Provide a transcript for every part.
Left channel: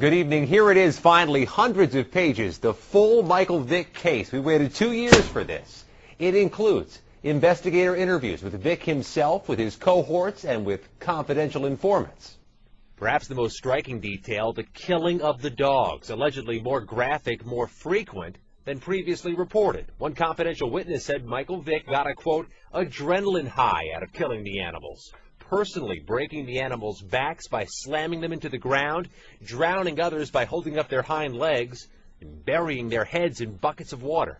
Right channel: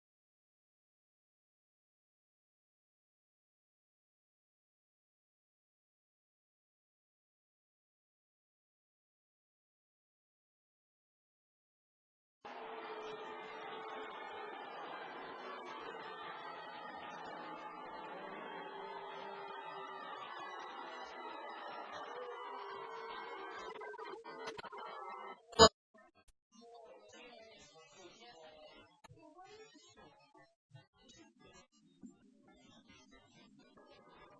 Good evening. Here it is, finally, hundreds of pages, the full Michael Vick case. We waited 2 years for this. It includes investigator interviews with Vick himself, with his cohorts, and with confidential informants. Perhaps the most striking detail, the killing of the dogs, allegedly more graphic, more frequent than previously reported. One confidential witness said Michael Vick got a, quote, adrenaline high out of killing the animals, personally breaking the animals' backs by slamming them into the ground, drowning others by holding up their hind legs, and burying their heads in buckets of water.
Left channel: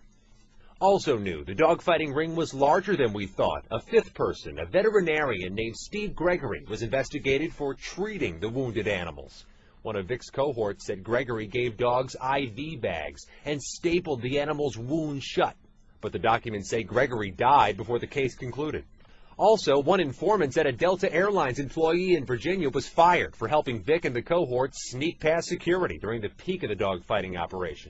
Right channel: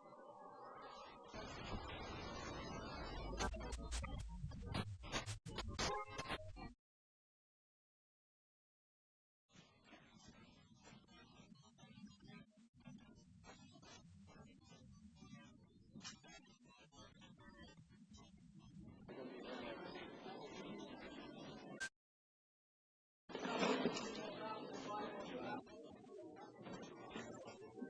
Also new, the dogfighting ring was larger than we thought. A fifth person, a veterinarian named Steve Gregory, was investigated for treating the wounded animals. One of Vick's cohorts said Gregory gave dogs IV bags and stapled the animals' wounds shut. But the documents say Gregory died before the case concluded. Also, one informant said a Delta Airlines employee in Virginia was fired for helping Vick and the cohort sneak past security during the peak of the dogfighting operation.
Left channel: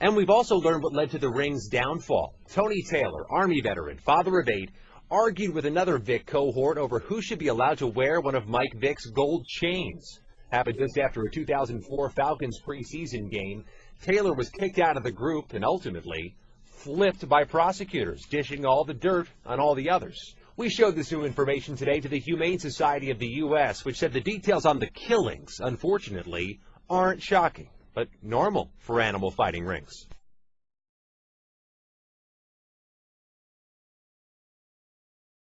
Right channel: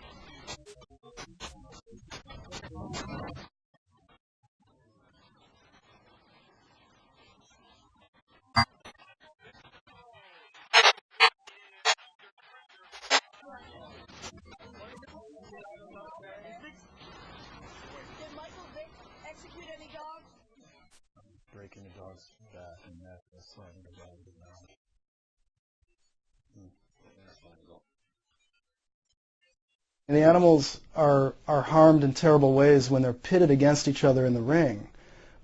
And we've also learned what led to the ring's downfall. Tony Taylor, Army veteran, father of 8, argued with another Vick cohort over who should be allowed to wear one of Mike Vick's gold chains. Happened just after a 2004 Falcons preseason game. Taylor was kicked out of the group and ultimately flipped by prosecutors, dishing all the dirt on all the others. We showed this new information today to the Humane Society of the U.S., which said the details on the killings, unfortunately, aren't shocking, but normal for animal fighting rings. The animals are harmed in terrible ways when they're pitted against each other in the ring,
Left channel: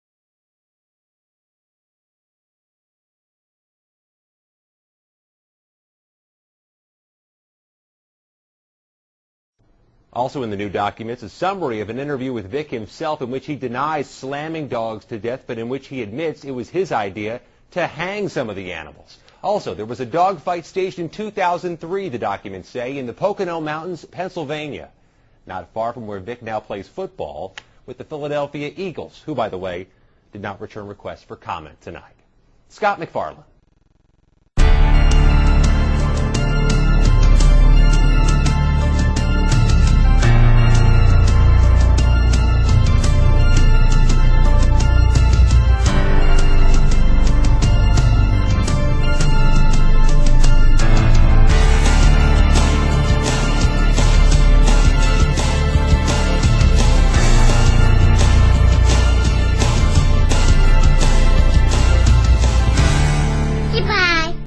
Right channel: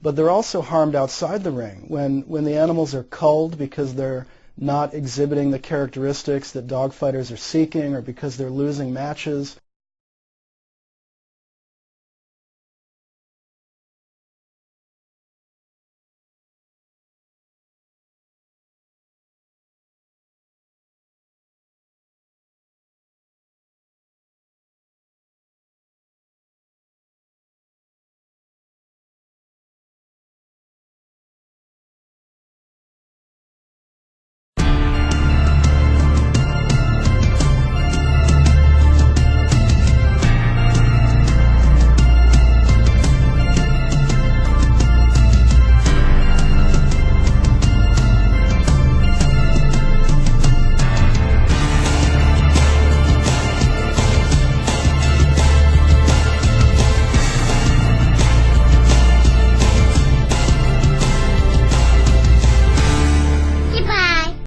but they're also harmed outside the ring when the animals are culled because they're not exhibiting the characteristics that dogfighters are seeking or because they're losing matches. Also in the new documents, a summary of an interview with Vick himself in which he denies slamming dogs to death, but in which he admits it was his idea to hang some of the animals. Also, there was a dogfight staged in 2003, the documents say, in the Pocono Mountains, Pennsylvania, not far from where Vick now plays football with the Philadelphia Eagles, who, by the way, did not return requests for comment tonight. Scott McFarland.